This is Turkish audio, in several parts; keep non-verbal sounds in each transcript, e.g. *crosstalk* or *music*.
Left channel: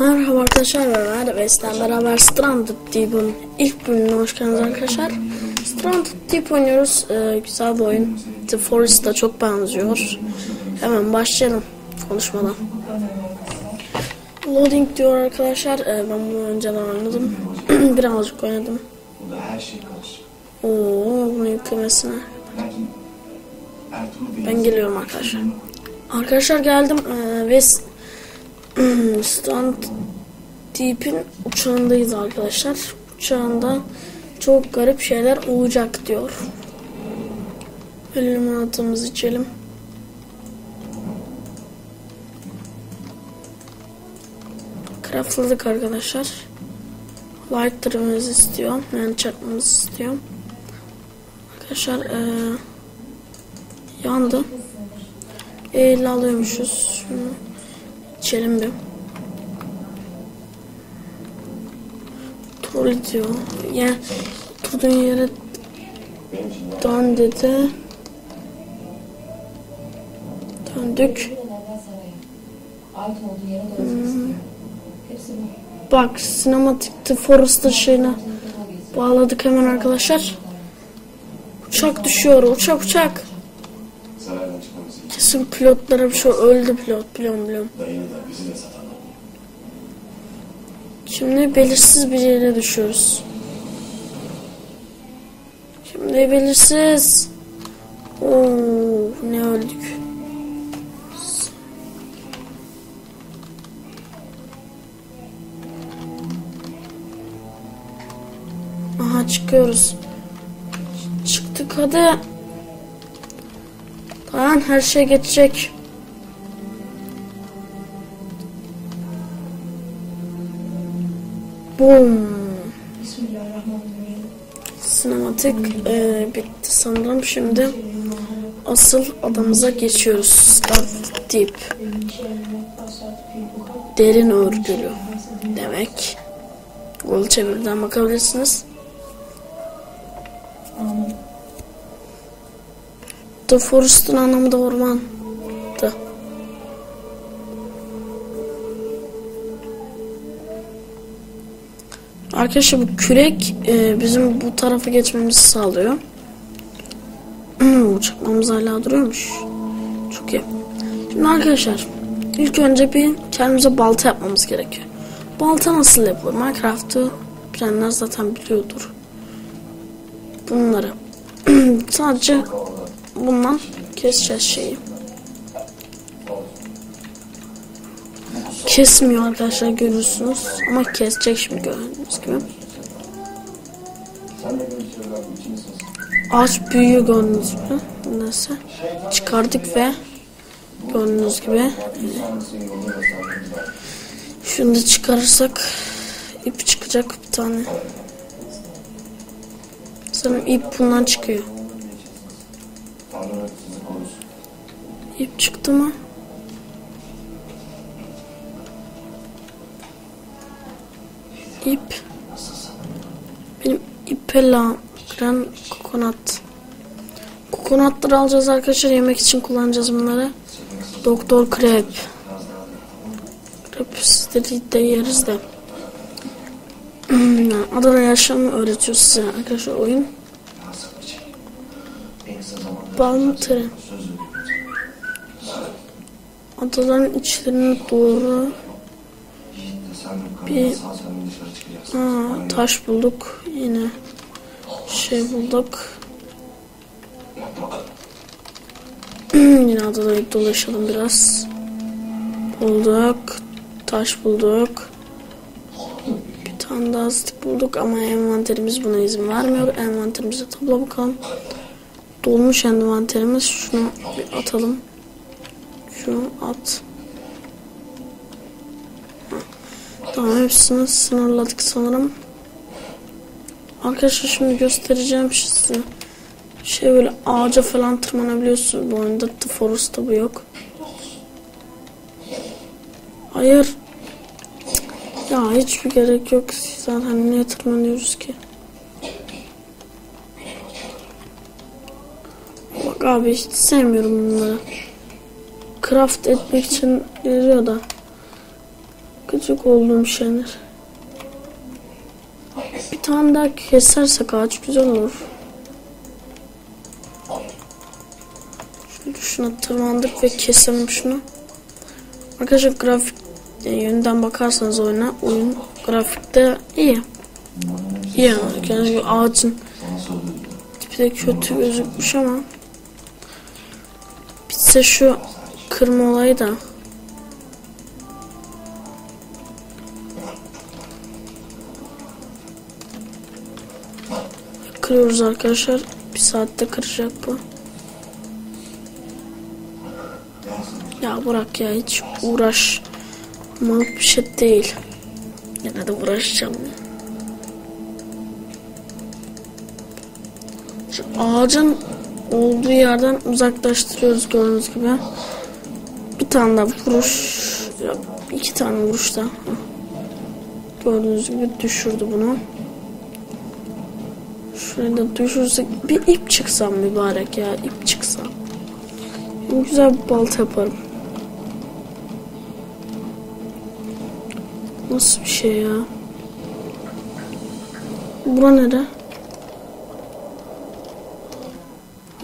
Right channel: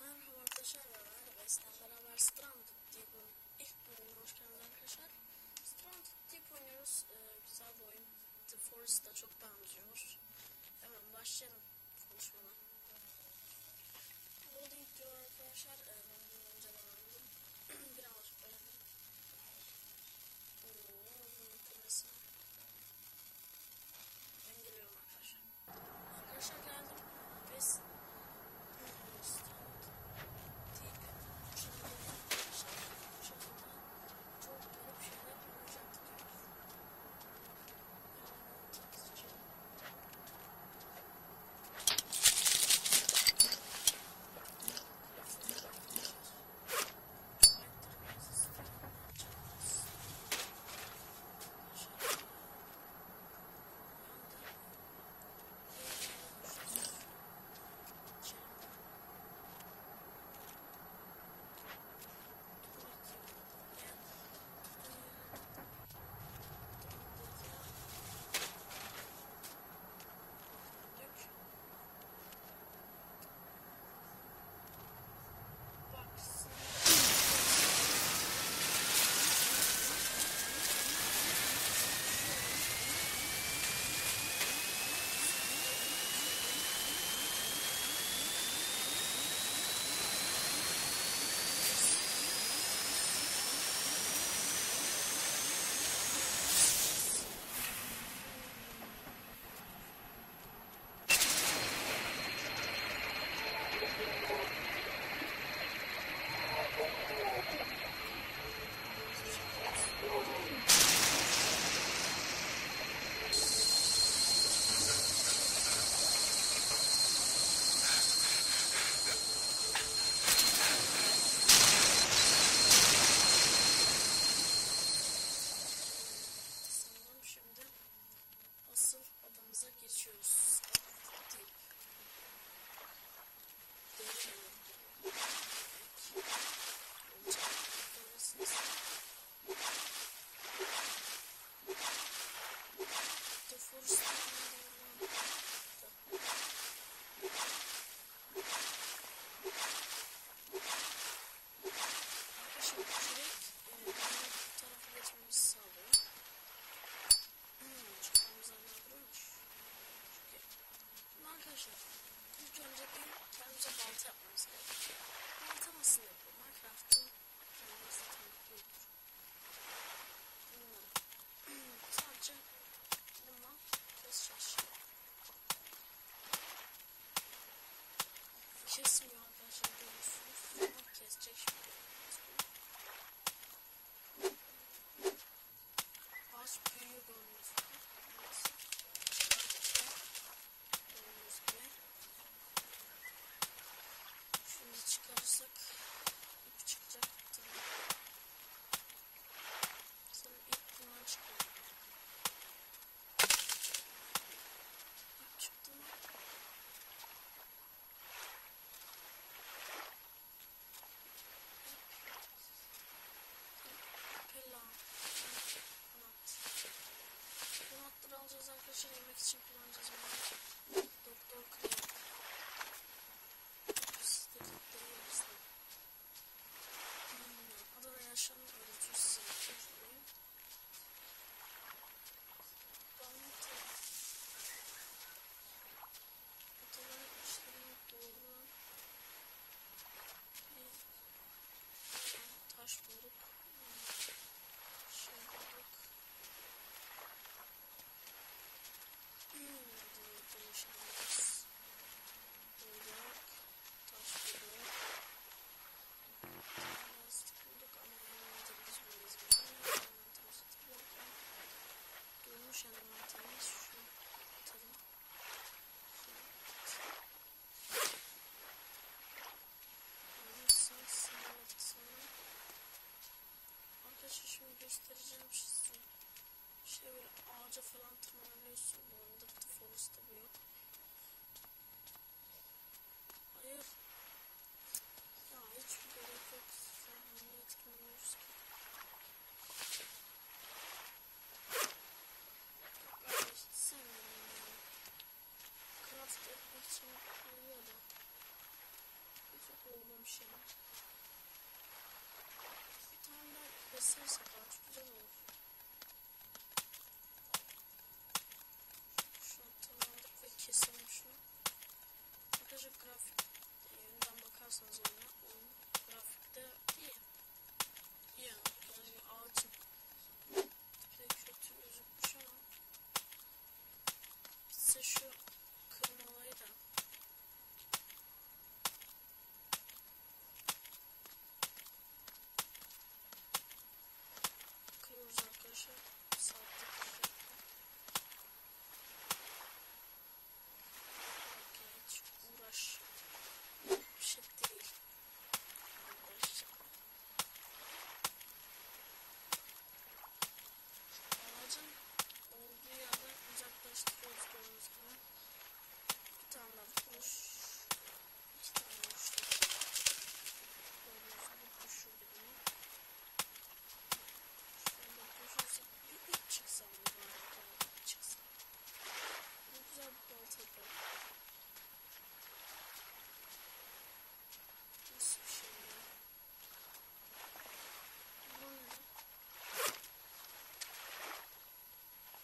Merhaba arkadaşlar ben Erbest'ten beraber Stranded Deep'in ilk bölümüne hoş geldiniz arkadaşlar. Stranded Deep oynuyoruz. Ee, güzel bir oyun. The Forest'a çok benziyor. Hemen başlayalım konuşmadan. Loading diyor arkadaşlar. Ee, ben bunu önceden oynadım. *clears throat* Birazcık oynadım. Oo, bunu yüklemesine. Ben geliyorum arkadaşlar. Arkadaşlar geldim ee, ve s- Strand Deep'in uçağındayız arkadaşlar. Uçağında çok garip şeyler olacak diyor. Böyle limonatımızı içelim. Craftladık arkadaşlar. Lighter'ımızı istiyor. Yani çakmamızı istiyor. Arkadaşlar eee yandı. Eğil alıyormuşuz. Şunu içelim bir. Troll diyor. Yani oturduğun yere dön dedi. Döndük. bu. Bak sinematikte Forrester şeyine bağladık hemen arkadaşlar. Uçak düşüyor. Uçak uçak. Pilotlara bir şey öldü pilot. De satar. Şimdi belirsiz bir yere düşüyoruz. Şimdi belirsiz. Oo, ne öldük. Aha çıkıyoruz. Çıktık hadi. Lan her şey geçecek. Boom. Sinematik e, bitti sanırım. Şimdi asıl adamıza geçiyoruz. Start Deep. Derin örgülü demek. Google çeviriden bakabilirsiniz. The Forest'ın anlamı da orman. Da. Arkadaşlar bu kürek e, bizim bu tarafa geçmemizi sağlıyor. *clears throat* Uçakmamız hala duruyormuş. Çok iyi. Şimdi arkadaşlar ilk önce bir kendimize balta yapmamız gerekiyor. Balta nasıl yapılır? Minecraft'ı bilenler zaten biliyordur. Bunları. *clears throat* Sadece bundan keseceğiz şeyi. Kesmiyor arkadaşlar görüyorsunuz. Ama kesecek şimdi gördüğünüz gibi. Ağaç büyüyor gördüğünüz gibi. Neyse. Çıkardık ve gördüğünüz gibi. Var. Şunu da çıkarırsak ip çıkacak bir tane. Sanırım ip bundan çıkıyor. İp çıktı mı? İp. Benim ipe lan kokonat. Kokonatları alacağız arkadaşlar. Yemek için kullanacağız bunları. Doktor Krep. Krep sizleri de yeriz de. *clears throat* Adana yaşamı öğretiyor size arkadaşlar oyun. Nasıl bir veriyorum. Adaların içlerine doğru Bir- ha, taş bulduk. Yine şey bulduk. *clears throat* Yine adada dolaşalım biraz. Bulduk. Taş bulduk. Bir tane daha bulduk ama envanterimiz buna izin vermiyor. Envanterimize tabla bakalım. Dolmuş envanterimiz. Şunu bir atalım. Şunu at. Tamam hepsini sınırladık sanırım. Arkadaşlar şimdi göstereceğim size. Şey böyle ağaca falan tırmanabiliyorsunuz bu oyunda. The Forest'ta bu yok. Hayır. Ya hiçbir gerek yok. Zaten niye tırmanıyoruz ki? Bak abi hiç sevmiyorum bunları. Craft etmek için geliyor da. Gıcık olduğum şeyler. Bir tane daha kesersek ağaç güzel olur. Şuna tırmandık ve keselim şunu. Arkadaşlar grafik e, yönden bakarsanız oyuna oyun grafikte iyi. İyi yani. Ağacın tipi de kötü gözükmüş ama bitse şu kırma olayı da. Kırıyoruz arkadaşlar. Bir saatte kıracak bu. Ya bırak ya hiç uğraşmalık bir şey değil. Yine de uğraşacağım. Şu ağacın olduğu yerden uzaklaştırıyoruz gördüğünüz gibi. Bir tane daha vuruş, iki tane vuruş da. Gördüğünüz gibi düşürdü bunu. Şurayı da düşürsek bir ip çıksam mübarek ya ip çıksam. Şimdi güzel bir balta yaparım. Nasıl bir şey ya? Bura nere?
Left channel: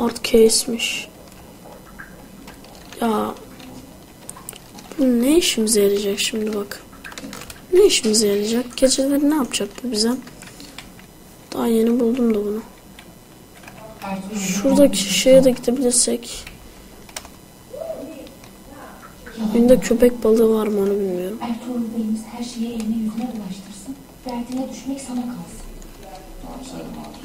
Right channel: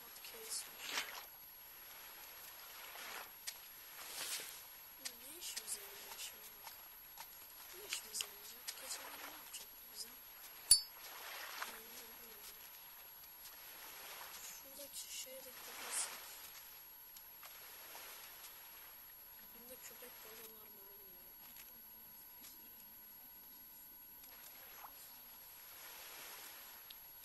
Art case'miş. Ya bu ne işimize yarayacak şimdi bak. Ne işimize yarayacak? Geceleri ne yapacak bu bize? Daha yeni buldum da bunu. Şuradaki şeye de gidebilirsek. Önünde köpek balığı var mı onu bilmiyorum. Ertuğrul Bey'imiz her şeyi eline yüzüne ulaştırsın. Derdine düşmek sana kalsın. Hatun. Babada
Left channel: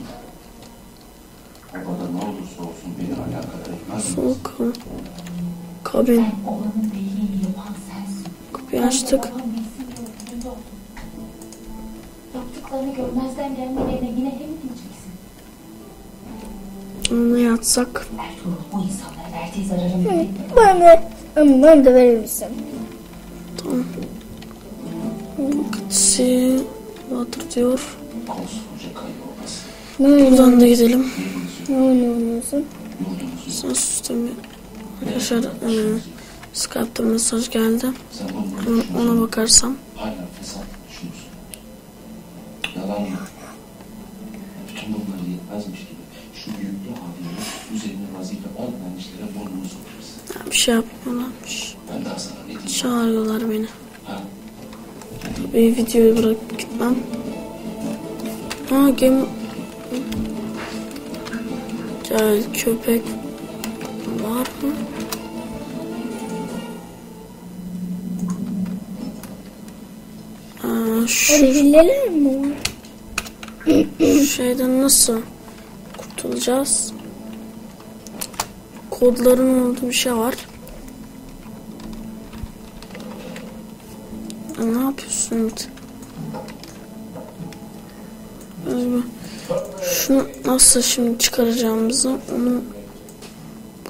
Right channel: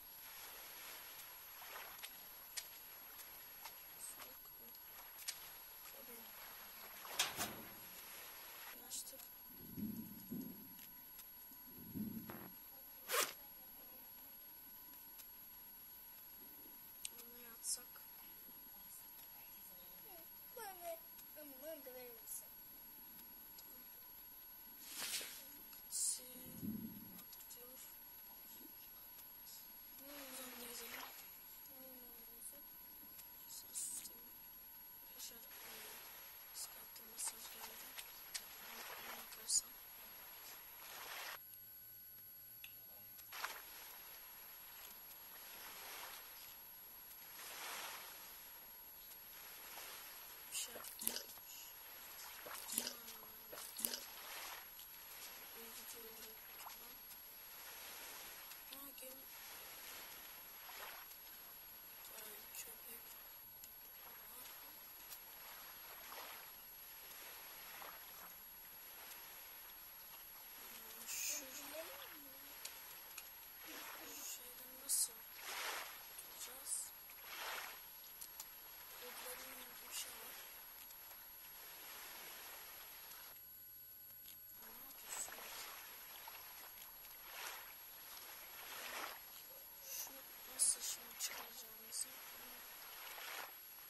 ne olursa olsun beni alakadar etmez? Soğuk. Kabin. Kapıyı açtık. Yaptıklarını görmezden gelmelerine yine hem diyeceksin. Ona yatsak. Ertuğrul bu insanlara verdiği zararın bedelini Bana, ama bana da verir misin? Tamam. Vakti water diyor. Buradan da gidelim. Ne oynuyorsun? Sen sistemi. Arkadaşlar e, Skype'da mesaj geldi. ona bakarsam. Bir şey yapmıyorlarmış. Çağırıyorlar beni. Tabii videoyu bırakıp gitmem. Ha gemi... Gel köpek var mı? Aa, şu Hilleler mi var? şeyden nasıl kurtulacağız? Kodların olduğu bir şey var. Ya ne yapıyorsun? Özgür. Şunu nasıl şimdi çıkaracağımızı onu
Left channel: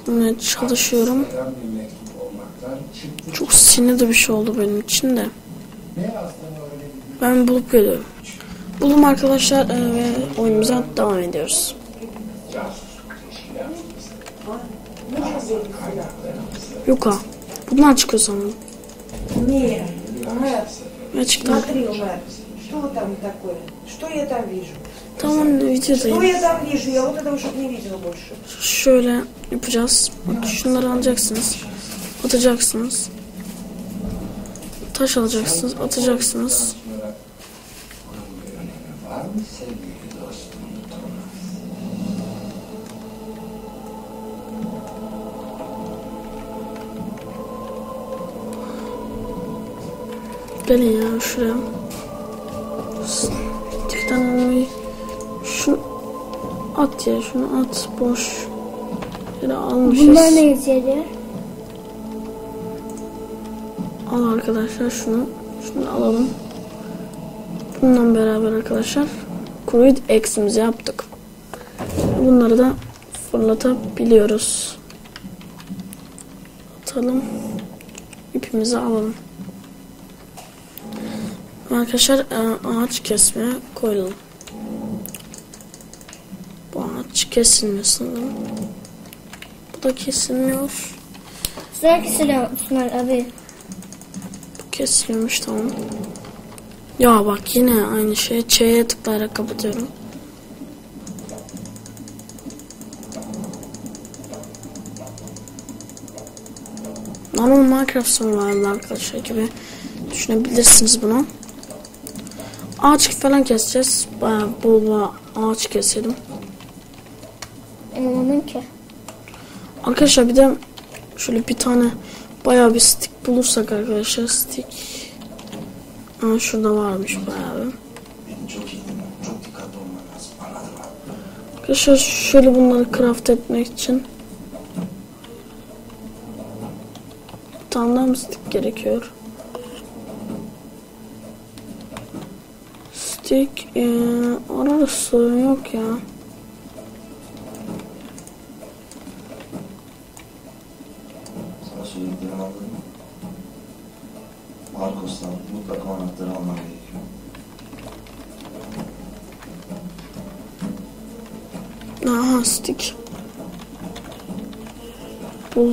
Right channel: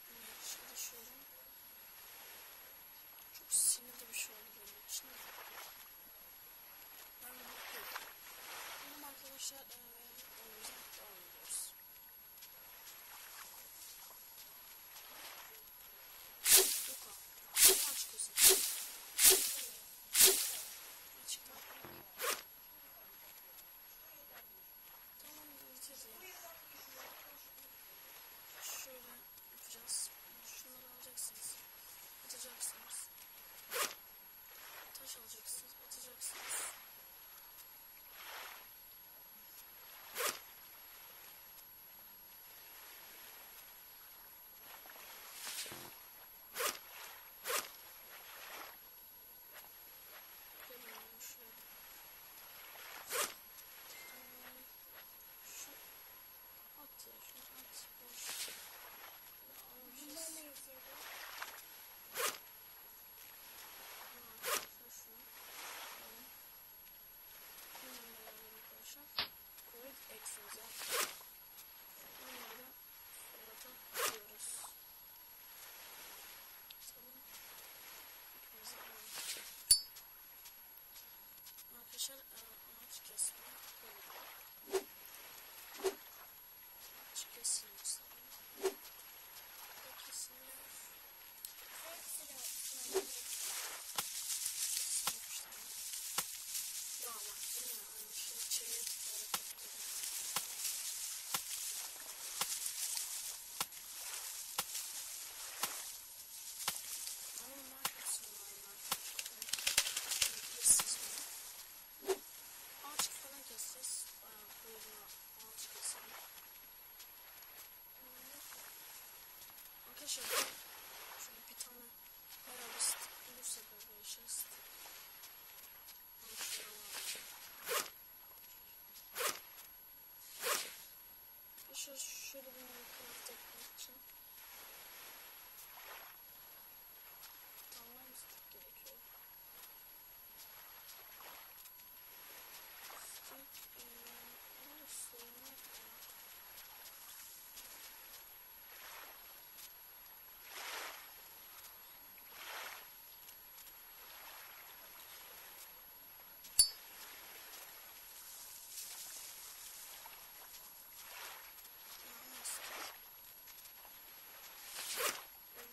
bulmaya çalışıyorum. Çok sinirli bir şey oldu benim için de. Ben bulup geliyorum. Bulum arkadaşlar e, ve oyunumuza devam ediyoruz. Yok ha. Bundan çıkıyor sanırım. Niye? Ne çıktı? смотри, Умар, что там такое? Что я там вижу? Tamam Что videodayım. я там вижу? Я вот этого что-то не видела больше. Şöyle yapacağız. Bak şunları alacaksınız. Atacaksınız. Taş alacaksınız. Atacaksınız. Var mı sevgili dostum? Gelin ya şuraya. Ya şunu at. Boş. Yine almışız. Bunlar ne yarıyor? Al arkadaşlar şunu. Şunu alalım. Bundan beraber arkadaşlar Crude X'imizi yaptık. Bunları da fırlatabiliyoruz. Atalım. İpimizi alalım. Arkadaşlar e, ağaç kesmeye koyalım. Bu ağaç kesilmiyor sanırım. Bu da kesilmiyor. Güzel kesiyor Osman abi. Bu Kesiliyormuş tamam. Ya bak yine aynı şey. Ç'ye tıklayarak kapatıyorum. Normal Minecraft Survival arkadaşlar gibi düşünebilirsiniz bunu. Ağaç falan keseceğiz. Bayağı bol ağaç keselim. Anlamadım ki. Arkadaşlar bir de şöyle bir tane bayağı bir stick bulursak arkadaşlar stick. Aa, şurada varmış bayağı bir. Arkadaşlar şöyle bunları craft etmek için bir tane daha mı stick gerekiyor? Stick ee, orada yok ya.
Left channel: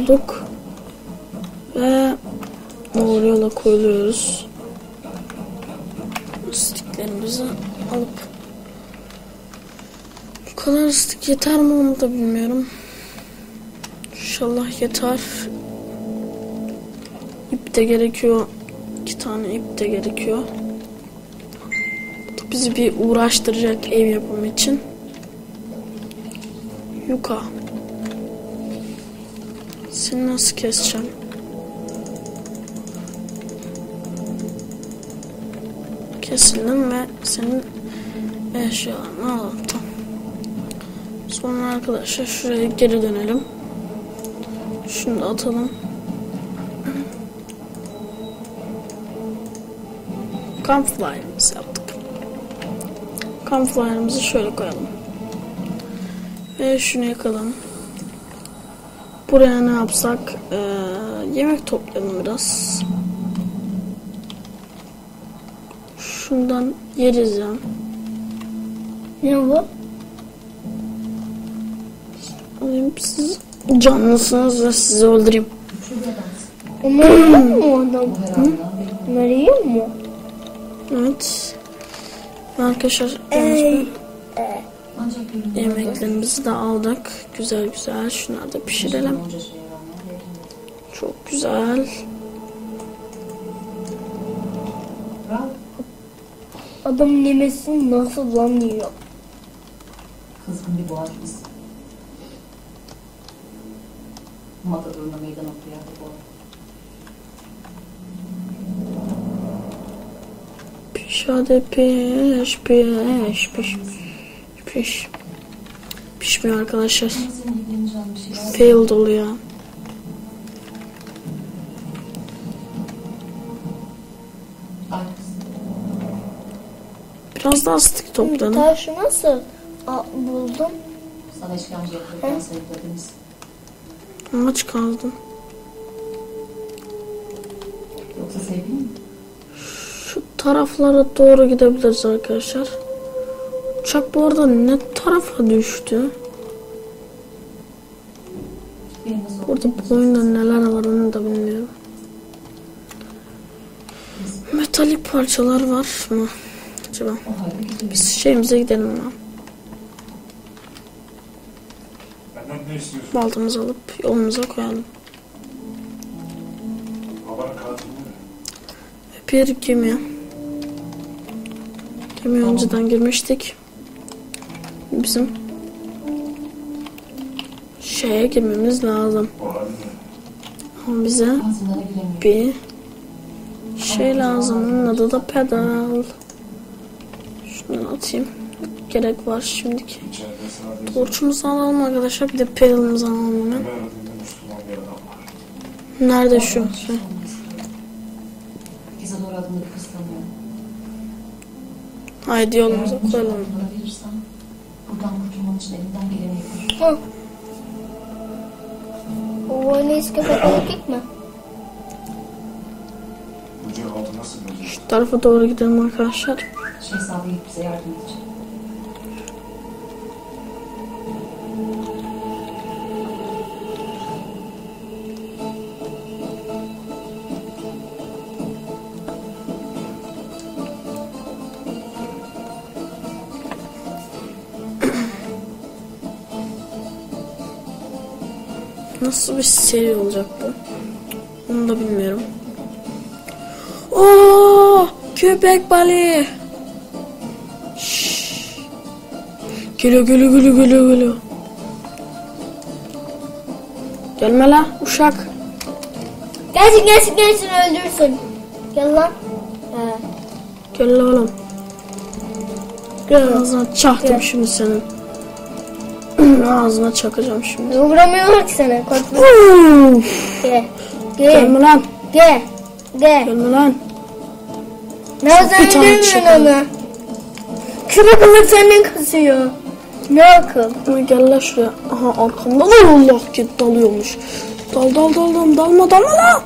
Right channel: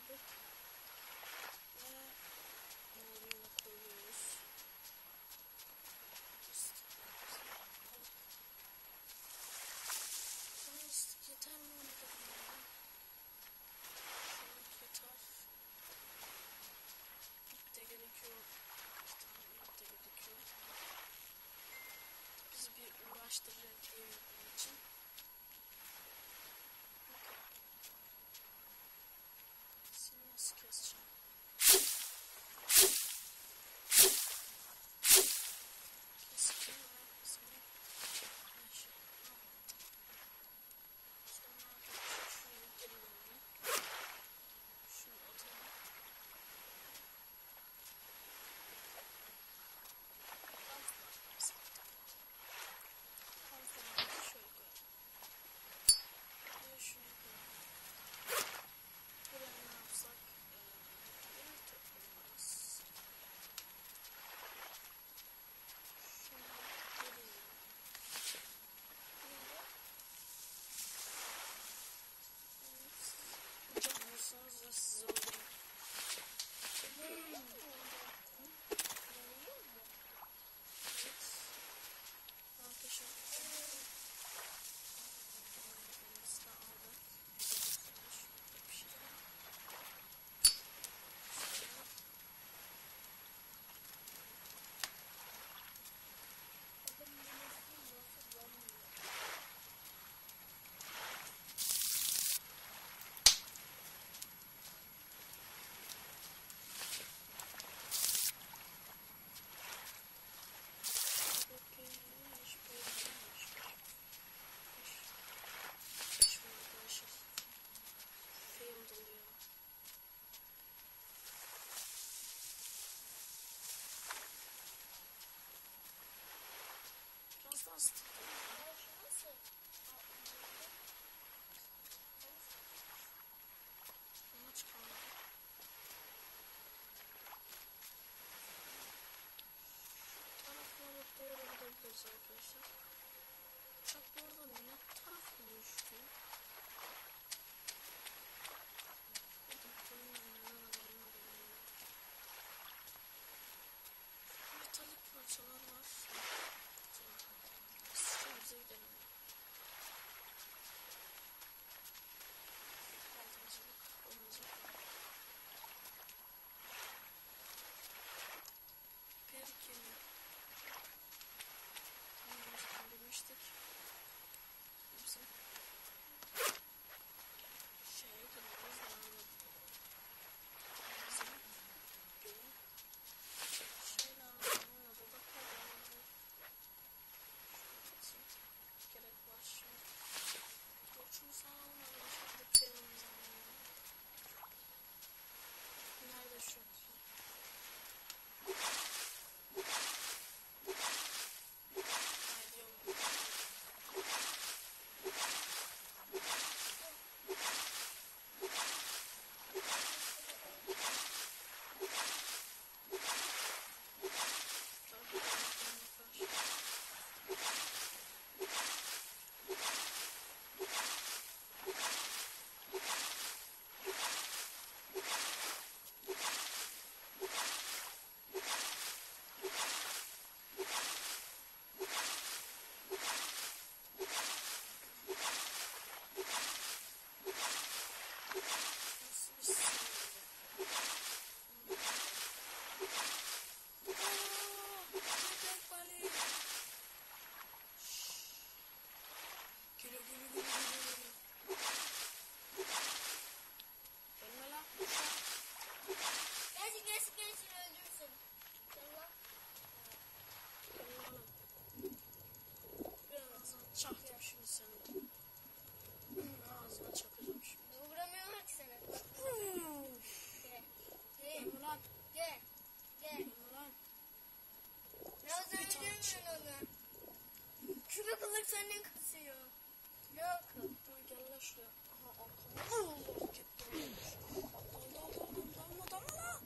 Bulduk. Ve doğru yola koyuluyoruz. Sticklerimizi alıp bu kadar stick yeter mi onu da bilmiyorum. İnşallah yeter. İp de gerekiyor. İki tane ip de gerekiyor. Bu da bizi bir uğraştıracak ev yapımı için. Yuka. Seni nasıl keseceğim? Kesildim ve senin eşyalarını aldım. Tamam. Sonra arkadaşlar şuraya geri dönelim. Şunu da atalım. Campfire'ımızı yaptık. Campfire'ımızı şöyle koyalım. Ve şunu yakalım. Buraya ne yapsak? Ee, yemek toplayalım biraz. Şundan yeriz ya. Ne bu? Alayım siz canlısınız ve sizi öldüreyim. Onlar yiyor mu adam? Onlar yiyor mu? Evet. Arkadaşlar Ey. Yemeklerimizi de aldık. Güzel güzel. Şunları da pişirelim. Çok güzel. Adam yemesini nasıl lan yiyor? Kızgın bir boğaz biz. Matador'una meydan okuyor bu arada. Piş hadi piş piş piş piş. Pişmiyor arkadaşlar. İlgini almış ya. Failed oluyor. Ay, Biraz daha stick topladım. Taşı nasıl Aa, buldum? Sana işkence yapıyorken sayıkladınız. Kaldım. Yoksa sevdin mi? Şu taraflara doğru gidebiliriz arkadaşlar. Uçak bu arada ne tarafa düştü? Burada bu oyunda neler var onu da bilmiyorum. Metalik parçalar var mı? Acaba? Biz şeyimize gidelim istiyorsun? Baltamızı alıp yolumuza koyalım. Mi? Bir gemi. Gemi önceden girmiştik. Bizim şeye girmemiz lazım. Ama bize bir şey lazım. Onun adı da pedal. Şunu atayım. Gerek var şimdiki. Torçumuzu alalım arkadaşlar. Bir de pedalımızı alalım hemen. Nerede şu? Kıskanıyor. Haydi yolumuza koyalım. Buradan kurtulman için elinden geleni yapar. Hı. O eski bakalım gitme. Bu cevabı nasıl buldun? Şu tarafa doğru gidelim arkadaşlar. Şehzadeye bize yardım edecek. Nasıl bir seri olacak bu? Onu da bilmiyorum. Oo, köpek balığı. Geliyor geliyor geliyor geliyor geliyor. Gelme la uşak. Gelsin gelsin gelsin öldürsün. Gel lan. He. Gel la oğlum. Gel. Ağzına çaktım şimdi senin. Ağzına çakacağım şimdi. Vuramıyorum ki sana korkma. Gel. Gel. Gelme lan. Gel. Gel. Gelme lan. Tane öldürmüyorsun çıkalım. onu? Kırık kılık senden kasıyor. Ne akıl? Ama gel la şuraya. Aha arkamda da Allah git dalıyormuş. Dal dal dal dal dalma dalma la.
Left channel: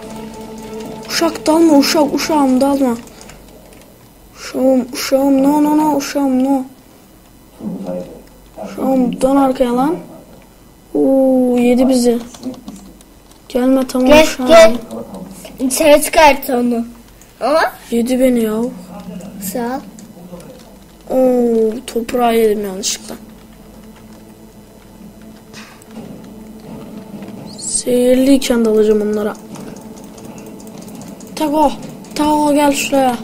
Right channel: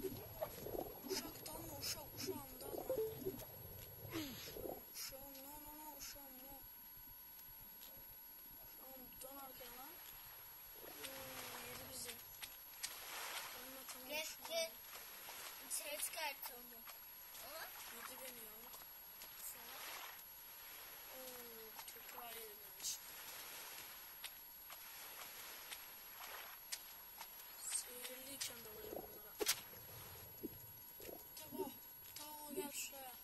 Uşak dalma uşak uşağım dalma. Uşağım uşağım no no no uşağım no. Uşağım dön arkaya lan. Oo yedi bizi. Gelme tamam Gel uşağım. gel. İçeri çıkart onu. Ama Yedi beni ya. sağ ol. Oo toprağı yedim yanlışlıkla. Seyirliyken dalacağım onlara. Tago, Tago gel şuraya.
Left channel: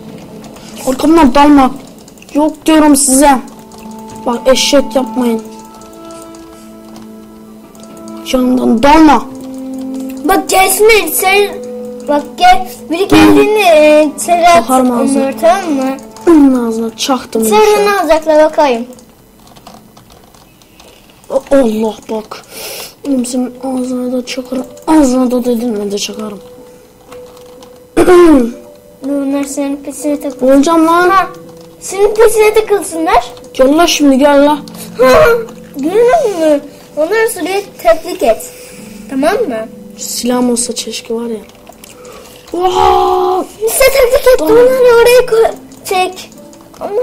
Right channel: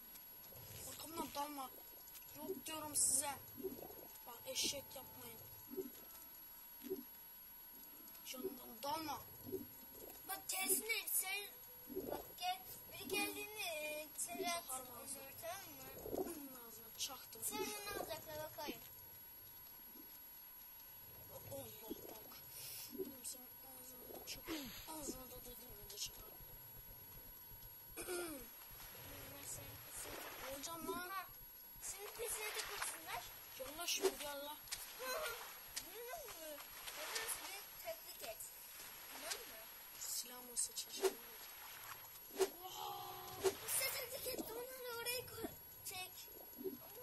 Arkamdan dalma. Yok diyorum size. Bak eşek yapmayın. Yanından dalma. Bak gelsinler sen bak gel biri geldiğinde e, içeri at Bakarım ağzına. onları tamam mı? Onun ağzına çaktım. An. ne alacaklar bakayım. Allah bak. Oğlum senin ağzına da çakarım. Ağzına da dedin ben de çakarım. Bunlar senin pesine takıl. Olacağım lan. Ha, senin pesine takılsınlar. Gel la şimdi gel la. Görüyor musun? Onları sürekli tebrik et. Tamam mı? Silahım olsa çeşke var ya. Vaa! Size tebrik et. Onları oraya koy. Çek. Ama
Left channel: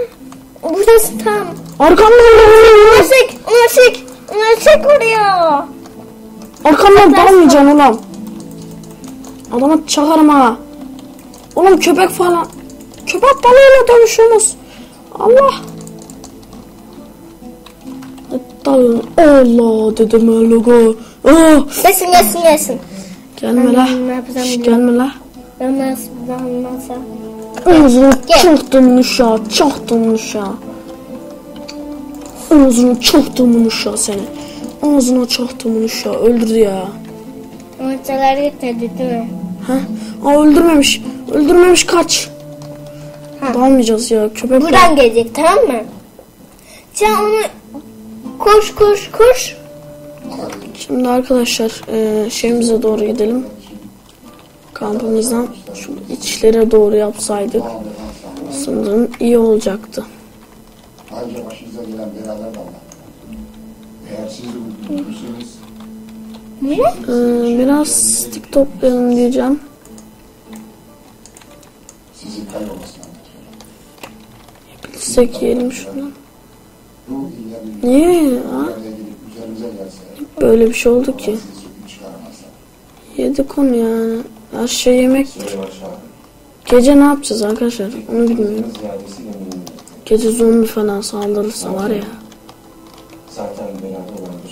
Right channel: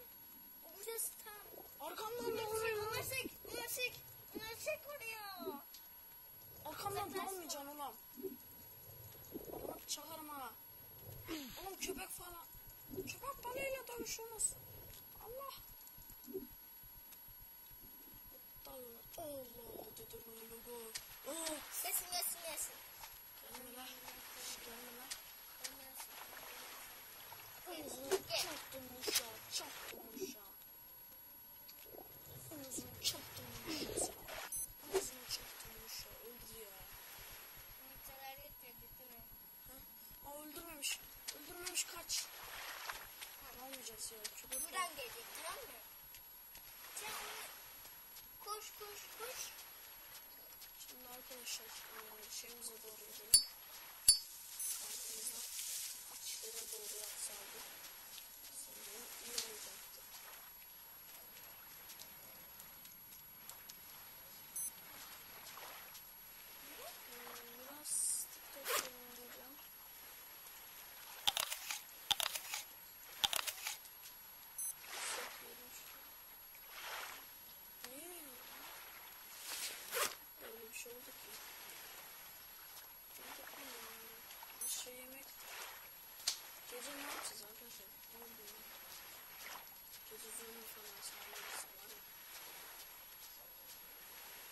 burası tam. Arkamdan Onları çek. Onları çek. Onları çek oraya. Arkamdan dalmayacaksın oğlum. Adama çakarım ha. Oğlum köpek falan. Köpek balığıyla dövüşüyorsunuz. Allah. Dalın. Allah dedim logo. Oh. Gelsin gelsin gelsin. Gelme la. Şş. Gelme la. Ben nasıl? Ağzını çaktım uşağı, çaktım uşağı. Ağzını çaktım uşağı seni. Ağzına çaktım uşağı, öldürdü ya. Maçalar gitmedi değil mi? Ha? Aa öldürmemiş, öldürmemiş kaç. Ha. Dalmayacağız ya, köpek Buradan gelecek tamam mı? Sen onu koş koş koş. Şimdi arkadaşlar eee, şeyimize doğru gidelim. Kampımızdan şu içlere doğru yapsaydık sanırım iyi olacaktı. Ayrıca başınıza gelen belalar da var. Eğer siz de Ne? Eee, biraz stick toplayalım diyeceğim. sizin kaybolmasına. Bilsek yiyelim şunu. Niye ya? Böyle bir şey oldu ki. Yedik onu yani. Her şey yemektir. Gece ne yapacağız arkadaşlar? Onu bilmiyorum. Gece zombi falan saldırırsa var ya.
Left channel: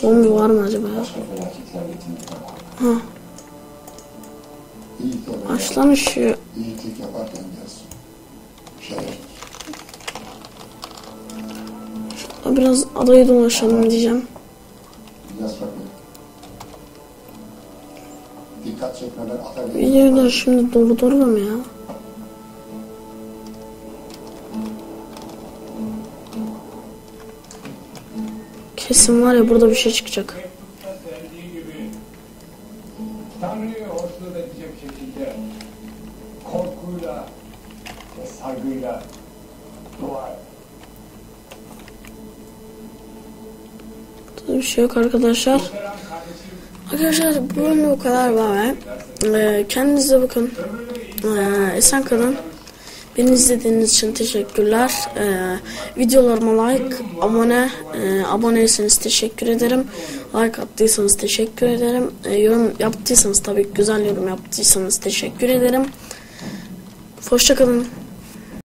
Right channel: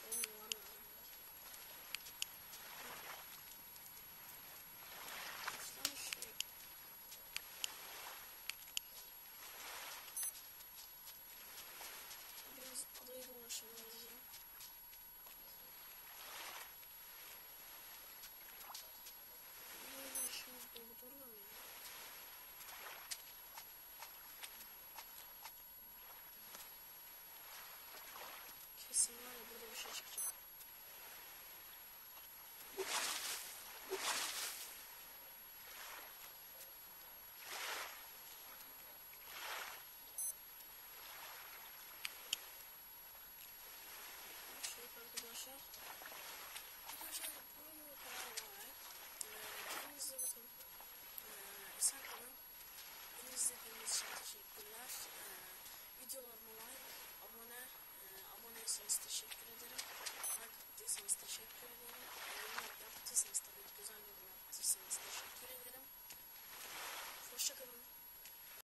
Zombi var mı acaba ya? Ha, İyilik, aç biraz adayı dolaşalım diyeceğim. Biraz bakın. Dikkat çekmeler atar. Videoyu da şimdi durdururum ya. Kesin var ya burada bir şey çıkacak. Tanrı'yı hoşnut edecek şekilde korkuyla ve saygıyla dua et. Bir şey yok arkadaşlar. Arkadaşlar bu bölüm bu kadar var. Ee, kendinize bakın. Ee, esen kalın. Beni izlediğiniz için teşekkürler. Ee, videolarıma like, abone, e, aboneyseniz teşekkür ederim. Like attıysanız teşekkür ederim. Ee, yorum yaptıysanız tabii güzel yorum yaptıysanız teşekkür ederim. Hoşçakalın.